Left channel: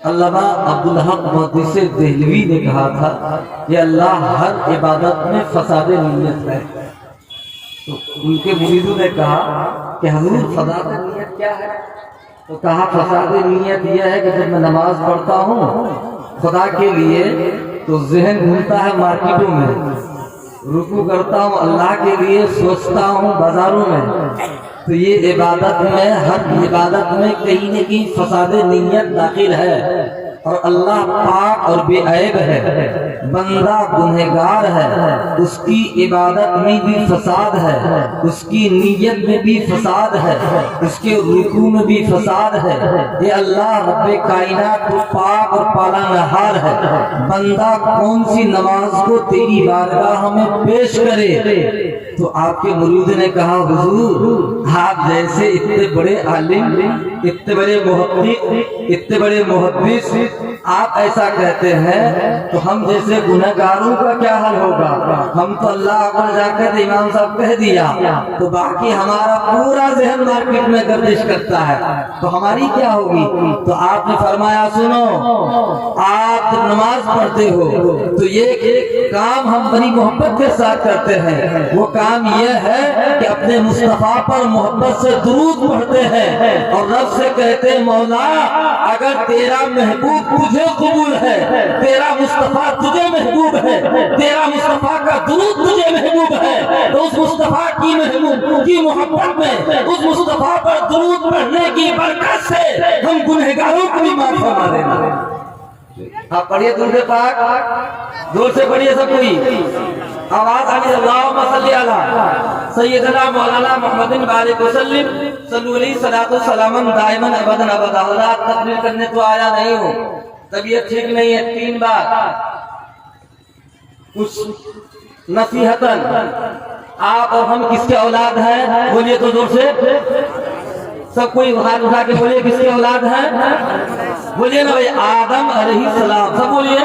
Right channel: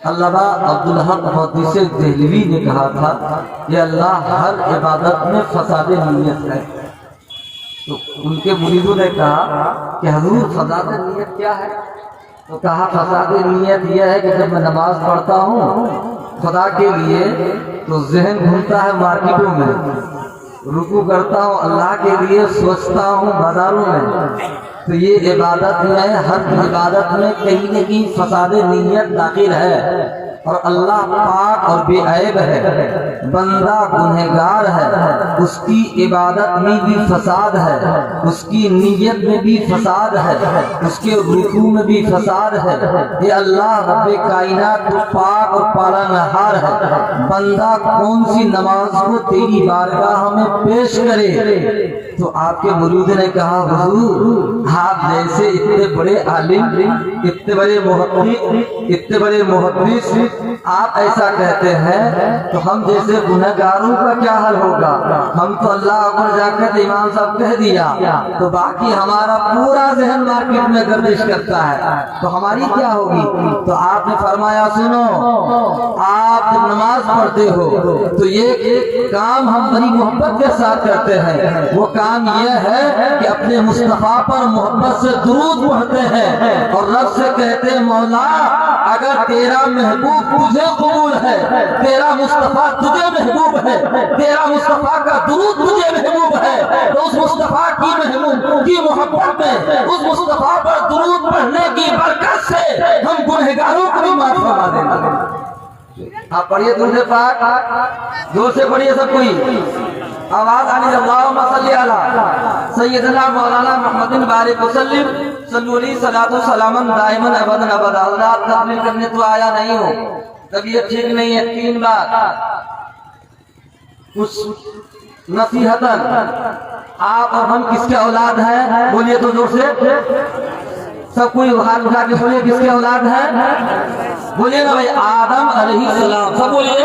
علامہ عبدالحق محدث دہلوی نے کہا تھا کہ اللہ ہر عبادت میں فساد نیت ہے. تو ان کے مریدوں نے کہا کہ حضور فساد نیت کیا ہے؟ تو کہا فساد نیت یہ ہے کہ جب میں نماز پڑھتا ہوں خدا کے لیے تو ذہن گھومتا ہے مارکیٹوں میں، رکوع کرتا ہوں اللہ کے لیے سوچتا ہوں بازاروں میں. تو یہ عبادت میں، ہر عبادت میں کہیں نہ کہیں فساد نیت داخل ہے. اور اللہ پاک اور بے عیب ہے، بندہ گنہگار ہے، اس کی عبادت میں بھی فساد ہے، اس کی نیت میں بھی فساد ہے، اس کے رکوع میں بھی فساد ہے. یہ اللہ رب کائنات تو پاک اور پالنہار ہے، بندہ کون سی نماز کو تیری بارگاہ میں پیش کرے؟ تو آپ کے مرید نے کہا حضور آپ جیسے اتنے بڑے عالم، اتنے بڑے محقق، اتنے بڑے محدث آپ ایسا کہتے ہیں تو ہم جیسے گنہگاروں کا کیا حل ہوگا؟ ہم تو اللہ اکبر جا کر امام صاحب کہہ دیا تو باقی ہمارا پورا ذہن مارکیٹ میں گردش کرتا ہے، تو ہماری کیا ہوگی؟ تو آپ نے فرمایا سنو، آپ جب نماز پڑھتے ہو تو یہ کام ہم بڑی محبت کے ساتھ کرتے ہیں. وہ کام یہ ہے کہ اپنے مصطفیٰ پر محبت سے درود پڑھتے ہیں اور رب سے کہتے ہیں مولا اگر تیرا محبوب تجھے قبول ہے، تیرا مصطفیٰ تجھے محبوب ہے، تیرا مصطفیٰ کا درود تجھے محبوب ہے، تو اس مصطفیٰ کی محبوب کی محبت میں، اس مصطفیٰ پر درود پڑھنے کی برکت سے ہم گنہگاروں کو بھی معاف فرما دینا. آپ پڑھیے درود پاک، زور سے پڑھیے سب کوئی، آواز آنی. اللہم صلی علی سیدنا مولانا محمد بارک وسلم صلو علیہ صلاۃ وسلام دائما ابدا ابدا. حضرات تقریر کرنے تو آیا نہیں ہو، طبیعت ٹھیک نہیں ہے، 3 بار کچھ نصیحتاً آپ اور ہم کس کے اولاد ہیں؟ بولیے تو زور سے سب کوئی ہاتھ اٹھا کے بولیے کس کے اولاد ہیں؟ بولیے نا بھائی، آدم علیہ السلام. سب بولیے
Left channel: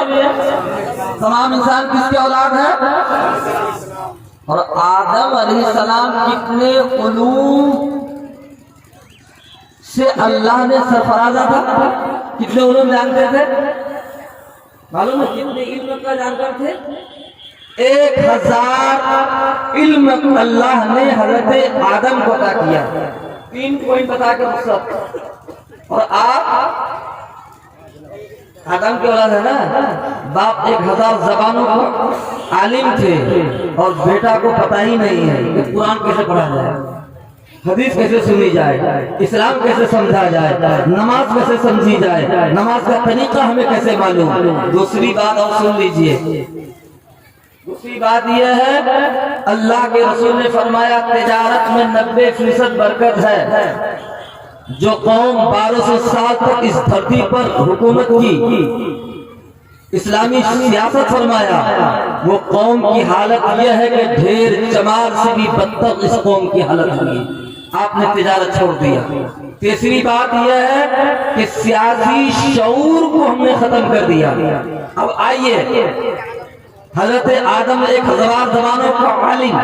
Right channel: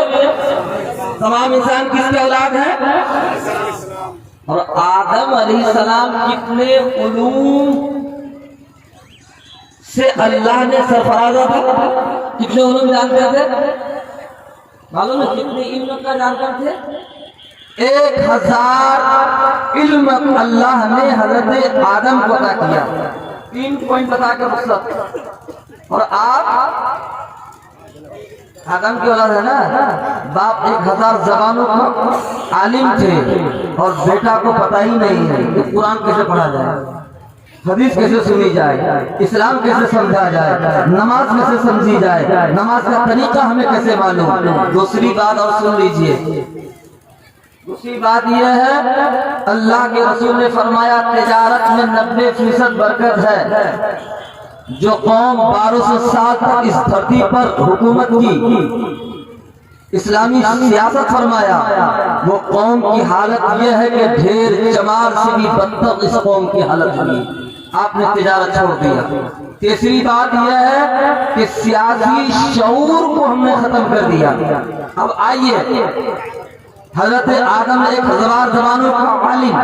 تمام انسان کس کے اولاد ہیں؟ اور آدم علیہ السلام کتنے علوم سے اللہ نے سرفرازہ تھا؟ کتنے علوم جانتے تھے؟ معلوم ہے کتنے علم کا جانکار تھے؟ 1000 علم اللہ نے حضرت آدم کو عطا کیا. 3 پوائنٹ بتا کے مقصد. اور آپ آدم کی اولاد ہے نا، باپ 1000 زبانوں کا عالم تھے اور بیٹا کو پتہ ہی نہیں ہے کہ قرآن کیسے پڑھا جائے، حدیث کیسے سنی جائے، اسلام کیسے سمجھا جائے، نماز کیسے سمجھی جائے، نماز کا طریقہ ہمیں کیسے معلوم. دوسری بات اور سن لیجئے، دوسری بات یہ ہے اللہ کے رسول نے فرمایا تجارت میں 90% برکت ہے. جو قوم 1200 سال تک اس دھرتی پر حکومت کی، اسلامی سیاست فرمایا، وہ قوم کی حالت یہ ہے کہ ڈھیر چمار سے بھی بدتر اس قوم کی حالت ہوئی. آپ نے تجارت چھوڑ دیا. تیسری بات یہ ہے کہ سیاسی شعور کو ہم نے ختم کر دیا. اب آئیے، حضرت آدم 1000 زبانوں کا عالم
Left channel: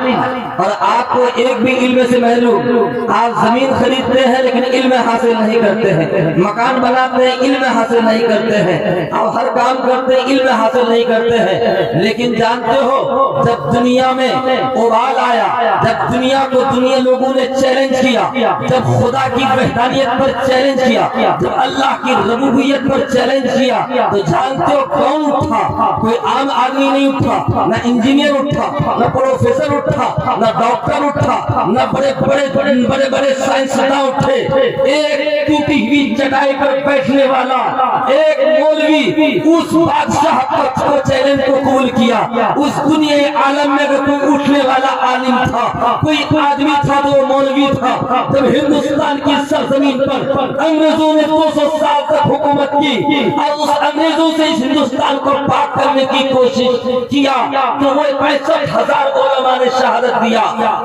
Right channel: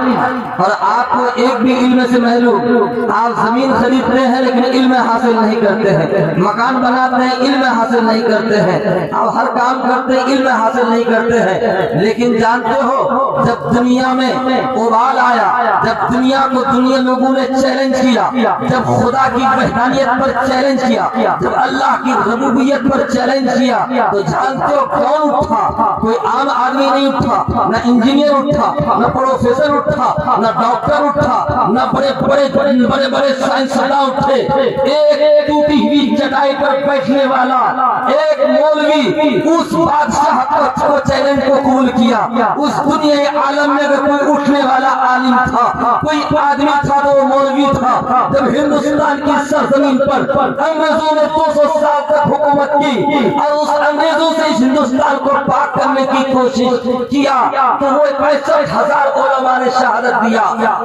اور آپ کو ایک بھی علم سے محروم. آپ زمین خریدتے ہیں لیکن علم حاصل نہیں کرتے ہیں، مکان بناتے ہیں علم حاصل نہیں کرتے ہیں، آپ ہر کام کرتے ہیں علم حاصل نہیں کرتے ہیں. لیکن جانتے ہو جب دنیا میں اوبال آیا، جب دنیا کو لوگوں نے چیلنج کیا، جب خدا کی وحدانیت پر چیلنج کیا، جب اللہ کی ربوبیت پر چیلنج کیا، تو جانتے ہو کون اٹھا؟ کوئی عام آدمی نہیں اٹھا، نہ انجینئر اٹھا، نہ پروفیسر اٹھا، نہ ڈاکٹر اٹھا، نہ بڑے بڑے سائنسداں اٹھے. ایک ٹوٹی ہوئی چٹائی پر بیٹھنے والا ایک مولوی اس بادشاہ کو چیلنج کو قبول کیا. اس دنیا عالم میں اگر کوئی اٹھنے والا عالم تھا، کوئی آدمی تھا تو وہ مولوی تھا. جب ہندوستان کی سرزمین پر انگریزوں نے 200 سال تک حکومت کی اور اس انگریزوں سے اس ہندوستان کو پاک کرنے کی کوشش کیا تو وہ 65,000 علماء نے شہادت دیا.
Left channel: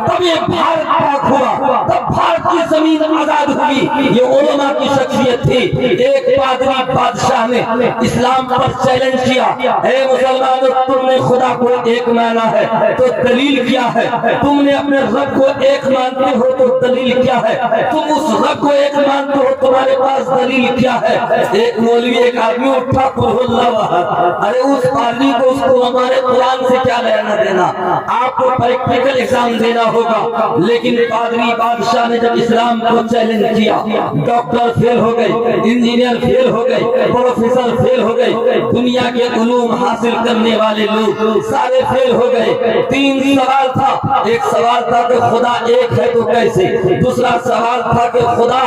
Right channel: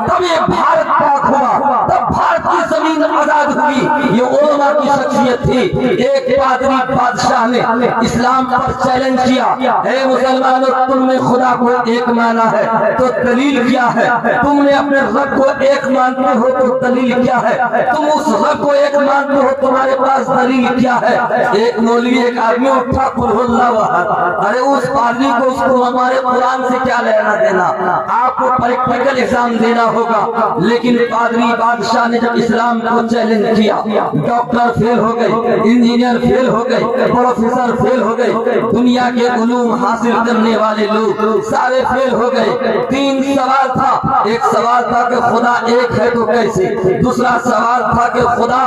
تب یہ بھارت پاک ہوا، تب بھارت کی زمین آزاد ہوئی. یہ علماء کی شخصیت تھی. ایک پادری بادشاہ بادشاہ نے اسلام پر چیلنج کیا، اے مسلمانوں تم نے خدا کو ایک مانا ہے تو دلیل کیا ہے؟ تم نے اپنے رب کو ایک مانتے ہو تو دلیل کیا ہے؟ تم اس رب کو ایک مانتے ہو تمہارے پاس دلیل کیا ہے؟ ایک مولوی ایک آدمی اٹھا قل هو اللہ احد، ارے اس پادری کو اس کو ہمارے قرآن سے کیا لینا دینا؟ آپ کو پریکٹیکل ایگزام دینا ہوگا۔ لیکن پادری بادشاہ نے جب اسلام کو چیلنج کیا، ڈاکٹر فیل ہو گئے، انجینئر فیل ہو گئے، پروفیسر فیل ہو گئے، دنیا کے علوم حاصل کرنے والے لوگ سارے فیل ہو گئے۔ تین سوال تھا، ایک سوال تھا کہ خدا ایک ہے تو کیسے، دوسرا سوال تھا کہ خدا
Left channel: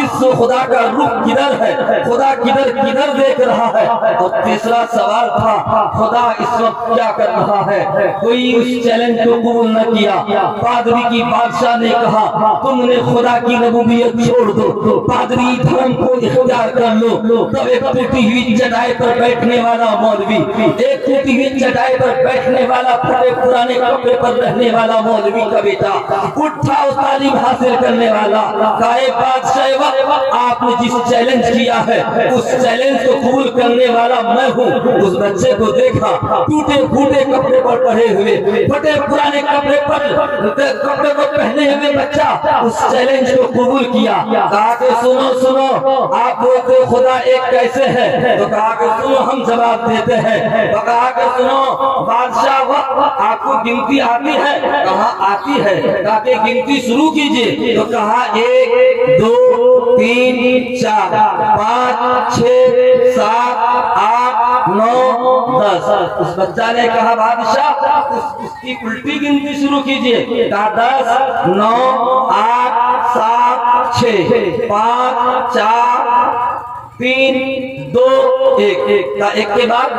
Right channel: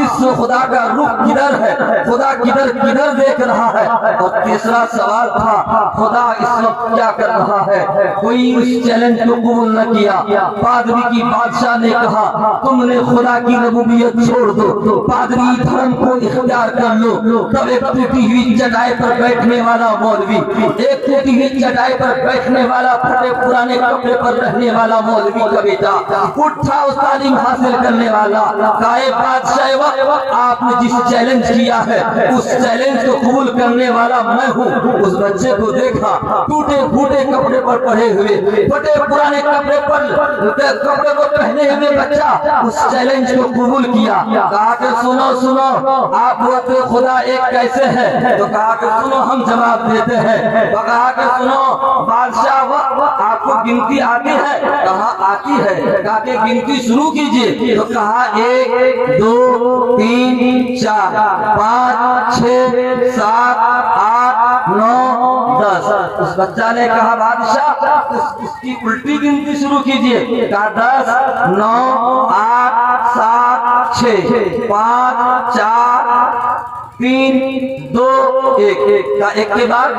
اس خدا کا رخ کدھر ہے، خدا کدھر کدھر دیکھ رہا ہے، اور تیسرا سوال تھا خدا اس وقت کیا کر رہا ہے۔ کوئی اس چیلنج کو قبول نہ کیا۔ پادری کی بادشاہ نے کہا تم نے خدا کی ربوبیت چھوڑ دو، پادری دھرم کو اختیار کر لو۔ تب ایک ٹوٹی ہوئی چٹائی پر بیٹھنے والا مولوی، ایک ٹوٹی ہوئی چٹائی پر بیٹھنے والا پھٹے پرانے کپڑے پر رہنے والا مولوی کا بیٹا اٹھا، اس تعلیم حاصل کرنے والا، کہا اے بادشاہ وقت آپ نے جس چیلنج کیا ہے اس چیلنج کو قبول کرنے والا میں ہوں۔ اس بچے کو دیکھا ٹوٹے پھوٹے کپڑے پر پڑے ہوئے، پھٹے پرانے کپڑے کو پہنے ہوئے بچہ اس چیلنج کو قبول کیا۔ کہا کہ سنو سنو آپ بولتے خدا ایک کیسے ہے؟ تو کہا کہ سنو ہم جواب دیتے ہیں۔ تو کہا کہ سنو بادشاہ وقت آپ کو گنتی آتی ہے؟ کہا آتی ہے۔ کہا کہ گنتی شروع کیجئے۔ تو کہا 1 2 3 4 5 6 7 8 9 10۔ اس بچہ نے کہا بادشاہ اس کی الٹی گنتی شروع کیجئے۔ کہا 10 9 8 7 6 5 4 3 2 1۔ کا ایک کے بعد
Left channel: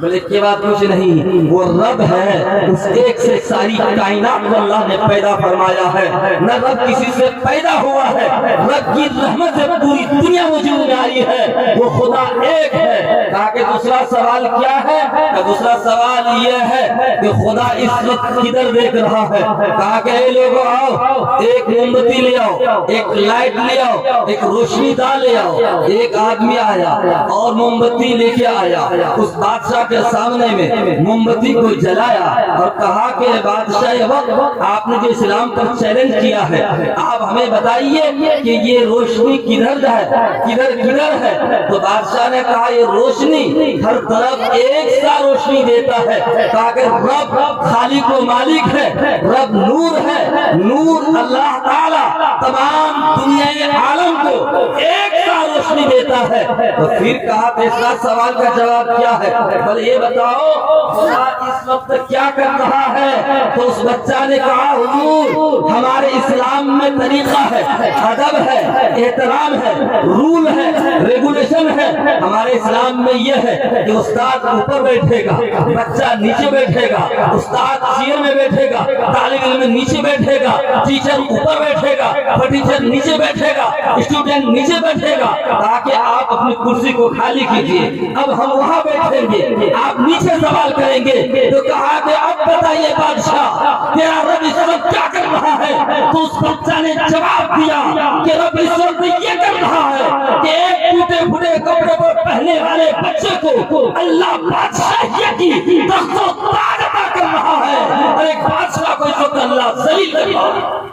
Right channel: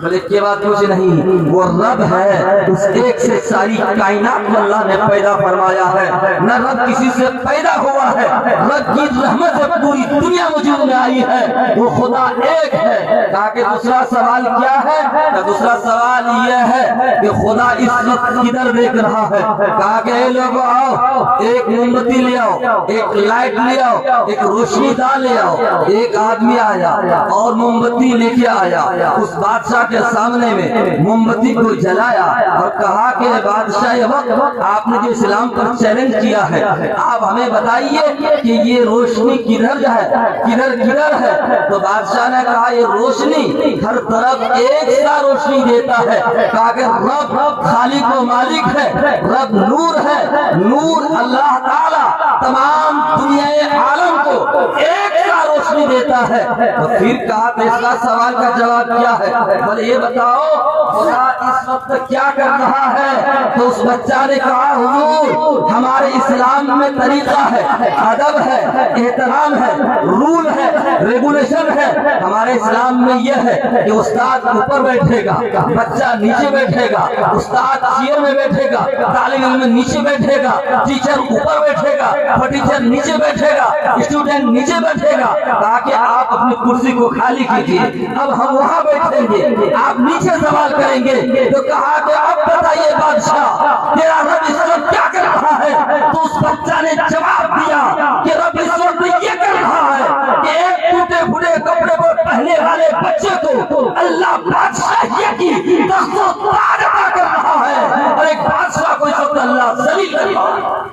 بل ایک کے بعد کچھ نہیں، وہ رب ہے، اس ایک سے ساری کائنات کو اللہ نے پیدا فرمایا ہے۔ نہ رب کسی سے پیدا ہوا ہے، رب کی رحمت سے پوری دنیا وجود میں آئی ہے، وہ خدا ایک ہے۔ کہا کہ دوسرا سوال کیا ہے؟ کہ دوسرا سوال یہ ہے کہ خدا اس وقت کدھر دیکھ رہا ہے؟ کہا کہ اے لوگوں آؤ، ایک موم بتی لے آؤ، ایک لائٹ لے آؤ، ایک روشنی دان لے آؤ۔ ایک آدمی آیا اور موم بتی لے کے آیا، اس بادشاہ کے سامنے میں موم بتی کو جلایا اور کہا کہ بادشاہ وقت آپ نے جو اسلام پر چیلنج کیا ہے آپ ہمیں بتائیے کہ یہ روشنی کدھر ہے، کدھر کدھر ہے؟ تو بادشاہ نے کہا یہ روشنی ہر طرف ایک سا روشنی دیتا ہے۔ کہا کہ رب خالق و مالک ہے، رب نور ہے، نور اللہ تعالی تمام دنیا عالم کو ایک سا روشنی دیتا ہے۔ تو پھر کہا تیسرا سوال کا جواب کیا ہے؟ بولے یہ بتاؤ خدا اس وقت کیا کر رہا ہے؟ تو اس بچہ نے کہا حضور ہمارے اسلام میں طریقہ ہے، ادب ہے، احترام ہے، رول ہے، ریگولیشن ہے۔ ہمارے اسلام میں یہ ہے کہ استاد اوپر بیٹھے گا، بچہ نیچے بیٹھے گا، استاد چیئر میں بیٹھے گا، طالب علم نیچے بیٹھے گا، ٹیچر اوپر بیٹھے گا، ٹیچر نیچے بیٹھے گا، اسٹوڈنٹ نیچے بیٹھے گا، تاکہ آپ اپنی کرسی کو خالی کیجیے۔ اب ہم وہاں بیٹھیں گے، آپ نیچے سوال کریں گے۔ تو کہا کہ اب بتائیے بادشاہ تیرا رب اس وقت کیا کر رہا ہے؟ تو اس بچہ نے جواب دیا کہ رب اس وقت یہ کر رہا ہے کہ ایک ٹوٹے پھوٹے کپڑے پر پہنے والے بچے کو اللہ بادشاہیت کی تخت و تاج عطا کر رہا ہے، اور ایک بادشاہ کو اس وقت اللہ ذلیل کر رہا ہے۔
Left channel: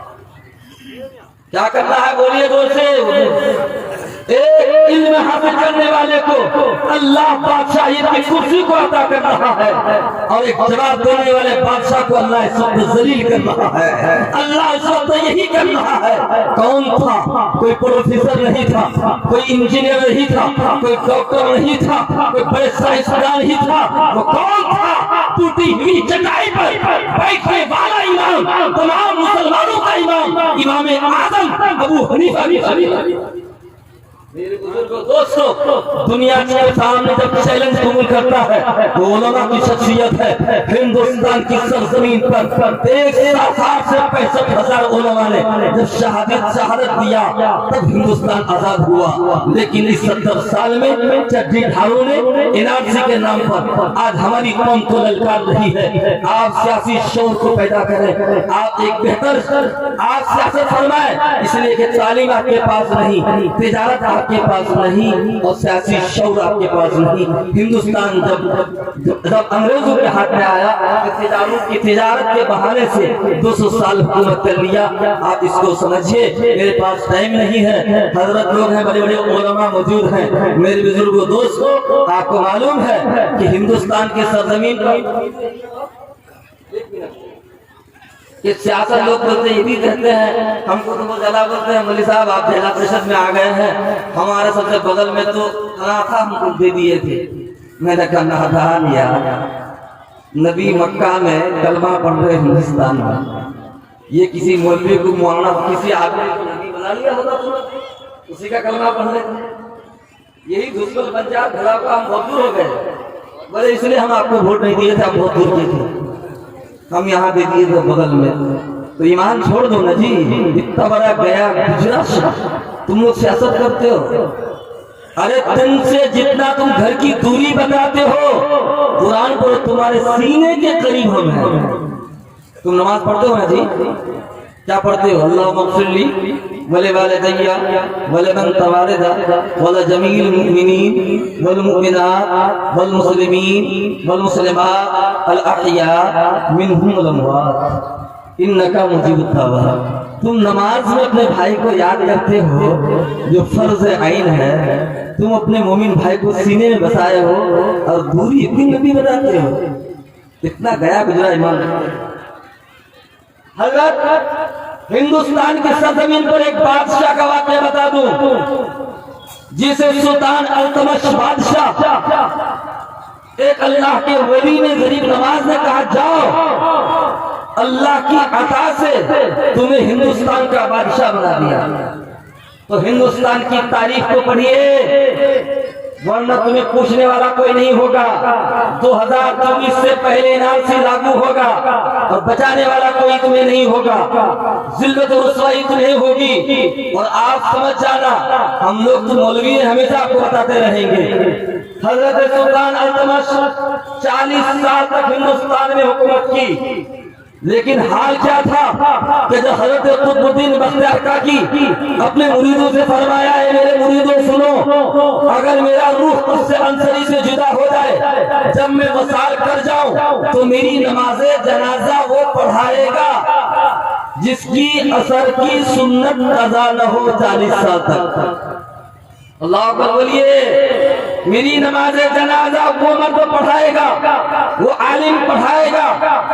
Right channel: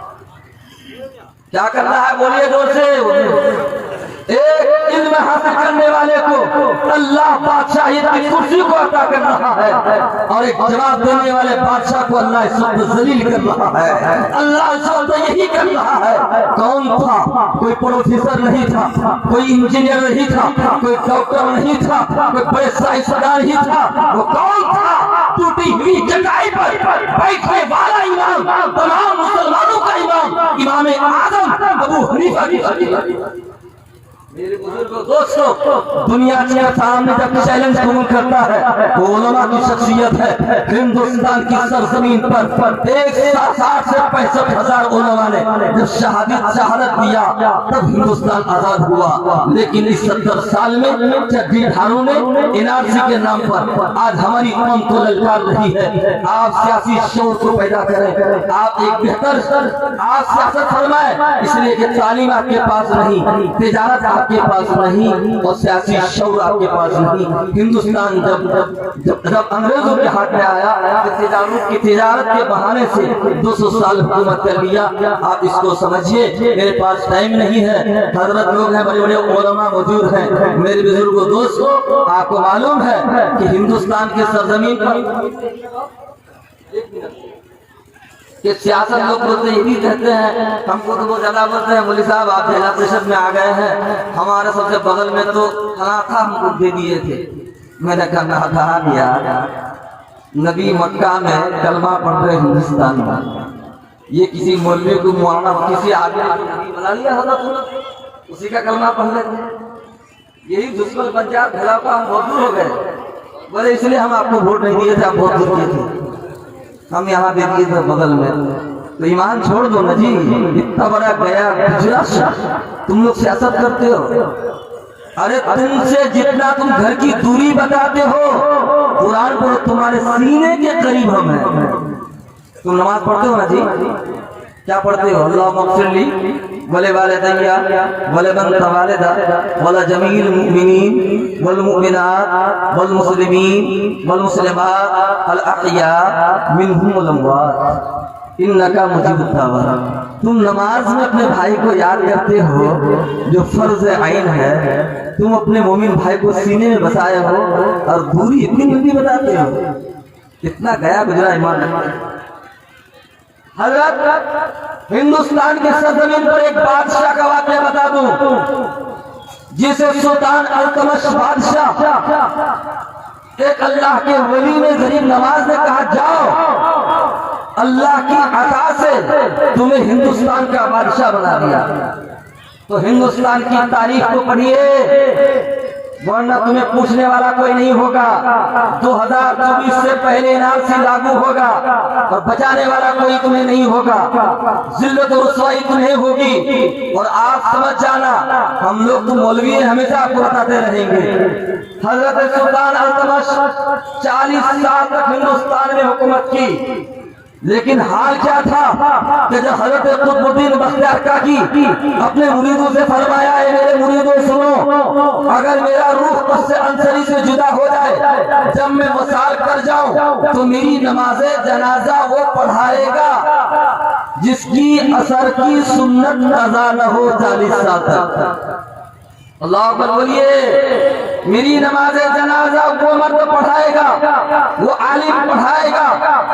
کیا کرنا ہے بولیے زور سے؟ ایک علم حاصل کرنے والے کو اللہ بادشاہیت کی کرسی کو عطا کر رہا ہے، اور ایک جواب دینے والے بادشاہ کو اللہ اس وقت ذلیل کر رہا ہے۔ اللہ اس وقت یہی کر رہا ہے۔ کون تھا؟ کوئی پروفیسر نہیں تھا، کوئی انجینئر نہیں تھا، کوئی ڈاکٹر نہیں تھا، کوئی بڑے سائنسدان نہیں تھا۔ وہ کون تھا؟ ٹوٹی ہوئی چٹائی پر بیٹھنے والا امام، تمام مسلمانوں کا امام، امام اعظم ابو حنیفہ کی خلیفہ۔ میرے بزرگوں دوستوں، دنیا کے سامنے جب چیلنج قبول کرتا ہے تو علماء کی شخصیت ہے۔ ہندوستان کی سرزمین پر 160 سے 65,000 علماء نے جب شہادت دیا تب ہندوستان آزاد ہوا۔ لیکن اس 70 سال میں چڈی ڈھاروں نے NRC کے نام پر آج ہماری قوم کو للکار رہی ہے۔ آپ سیاسی شعور کو پیدا کریں، آپ ایک بہتر آپ سیاست فرمائیں، اس لیے کہ تعلیم آپ کے پاس نہیں، تجارت آپ آپ کے پاس نہیں اور سیاسی شعور آپ کے پاس نہیں. ہندوستان جب انگریزوں کے ہاتھ میں آیا کہ تجارت کے بہانے سے 200 سال حکومت کر لیا. آپ اس کو سمجھیے. میرے پاس ٹائم نہیں ہے. حضرت لوگ ہیں, بڑے بڑے علماء موجود ہیں. میرے بزرگوں دوستوں, آپ کو معلوم ہے کہ ہندوستان کی سرزمین پر یہ سیاست لوگ بولتے ہیں, یہ بھی کہتے ہیں, ہم کو تو وہ زیادہ بولتے ہیں مولوی صاحب آپ جلا پریشد میں آ گئے ہیں, ہمارے سب سے بغل میں تو کہاں تھا, ہم کو دے دیے تھے. میں نے کہا دیا نبی مکہ میں کلمہ پڑھ رہے ہندوستان میں, یہ کسی مولوی کو مولانا کسی آدمی نبی بنا لیا ہوتا تو اسی کا کلمہ پڑھ لیتے. یہی دشمن پنجاب بھیڑا کا ہم بہت دور ہو گئے. بولے اس لیے ہم آپ کو ووٹ نہیں دیے تھے, ہم بہت دور کیے تھے, ہم یہاں دے دیے تھے بغل میں. تو ایمان چھوڑ دو نا جی, اتنا بڑا گیا گجرات تم لوگ سیاست کرتے ہو. ارے تم سے جتنا تم گھر کی دوری بتاتے ہو, قرآن پڑھو تمہارے سینے کے قریب ہم ہیں. تم نماز پڑھتے ہو نا جی, کیا پڑھتے ہو؟ اللہم اغفر لی ولوالدی ولمن تولدا ولجمیع المؤمنین والمؤمنات والمسلمین والمسلمات الاحیاء منہم والاموات انکا مجیب الدعوات. تم نماز میں اپنے بھائی کو یاد کرتے ہو جو فرض عین ہے, تم اپنے مومن بھائی کو سینے میں بسائے ہو اور دوری اتنی لمبی بتاتے ہو. اتنا گیا گزرا ایمان. حضرت ہندوستان کی سرزمین پر ایک بادشاہ کا واقعہ بتا دوں, جسے سلطان التمش بادشاہ, ایک اللہ کے ولی نے غریب نواز نے کہا جاؤ اللہ کی عطا سے تمہیں ہندوستان کا بادشاہ بنا دیا. تو ہندوستان کی تاریخ کو پڑھیے ورنہ تمہیں پوچھنے والا کوئی نہیں ہوگا. 2024 سے پہلے NRC لاگو ہوگا اور بچانے والا کوئی تمہیں نہیں ہوگا. ذلت و رسوائی تمہیں ہوگی. اور آپ سمجھ جانا, ہم لوگ تو مولوی ہمیشہ آپ کو بتاتے رہیں گے. حضرت سلطان التمش 40 سال تک ہندوستان میں حکومت کی, لیکن حال کیا تھا کہ جب حضرت قطب الدین بختیار کاکی اپنے مریدوں سے فرمایا ہے میرے مریدوں سنو, اگر میرا روح اس سے انصری سے جدا ہو جائے, جب میں وصال کر جاؤں تو میری نماز جنازہ وہ پڑھائے گا جس کی اثر کی سنت قضا نہ ہو 40 سال تک. اللہ اکبر بولیے. میری نماز جنازہ وہ مرد پڑھائے گا, وہ عالم پڑھائے گا,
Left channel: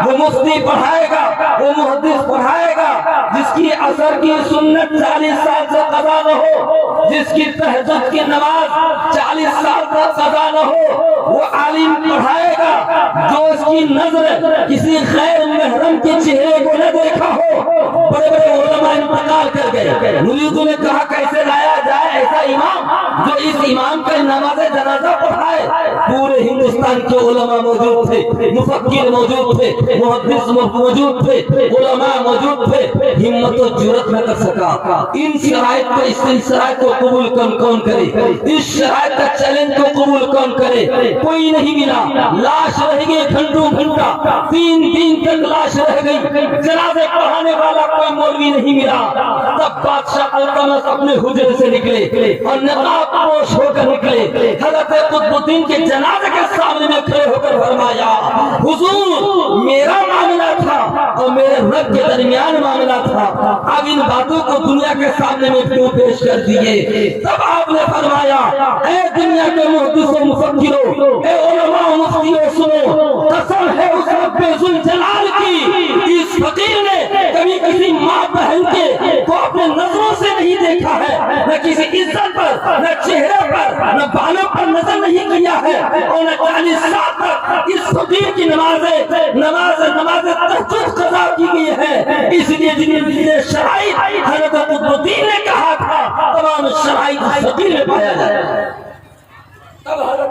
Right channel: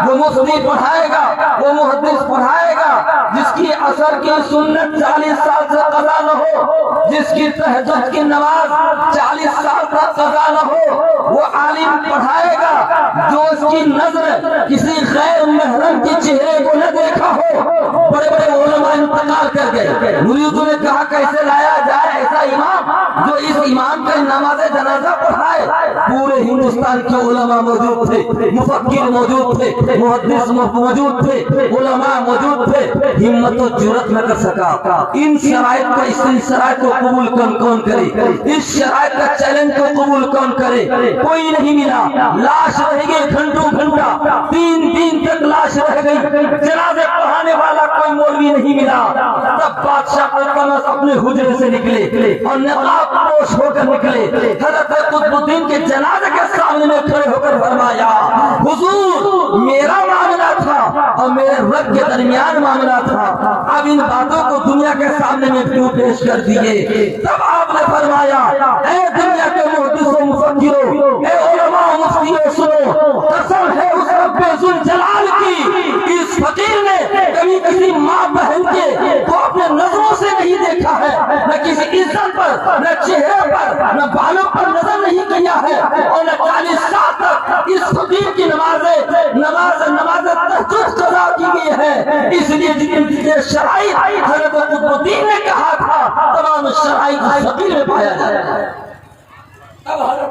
وہ مفتی پڑھائے گا, وہ محدث پڑھائے گا جس کی اثر کی سنت 40 سال سے قضا نہ ہو, جس کی تہجد کی نماز 40 سال تک قضا نہ ہو. وہ عالم پڑھائے گا جو اس کی نظر کسی غیر محرم کے چہرے کو نہ دیکھا ہو. بڑے بڑے علماء انتقال کر گئے. مریدوں نے کہا کیسے لایا جائے ایسا امام جو اس امام کا نماز جنازہ پڑھائے. پورے ہندوستان کے علماء موجود تھے, مفکر موجود تھے, محدث موجود تھے, علماء موجود تھے. ہمت و جرأت نہ کر سکا. ان شرائط کو, اس شرائط کو قبول کون کرے, اس شرائط کا چیلنج کو قبول کون کرے؟ کوئی نہیں ملا. لاش رہ گئی گھنٹوں گھنٹہ, 3 دن تک لاش رہ گئی. جنازے پڑھانے والا کوئی مولوی نہیں ملا. تب بادشاہ التمش اپنے حجرے سے نکلے اور نقاب پوش ہو کر نکلے. حضرت قطب الدین کے جنازے کے سامنے میں کھڑے ہو کر فرمایا حضور میرا معاملہ تھا اور میرے رب کے درمیان معاملہ تھا, اب ان باتوں کو دنیا کے سامنے میں کیوں پیش کر دیے؟ تب آپ نے فرمایا اے دنیا کے محدثوں مفکروں, اے علماء مفتیوں سنو, قسم ہے اس رب ذوالجلال کی, اس فقیر نے کبھی کسی ماں بہن کے کو اپنے نظروں سے نہیں دیکھا ہے, نہ کسی عزت پر, نہ چہرے پر, نہ بالوں پر نظر نہیں کیا ہے, اور نہ 40 سال تک اس فقیر کی نماز تہجد قضا کی گئی ہے. اس لیے جتنے شرائط حضرت قطب الدین نے کہا تھا تمام شرائط فقیر میں پایا جاتا ہے. اب حضرت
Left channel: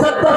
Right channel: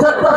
70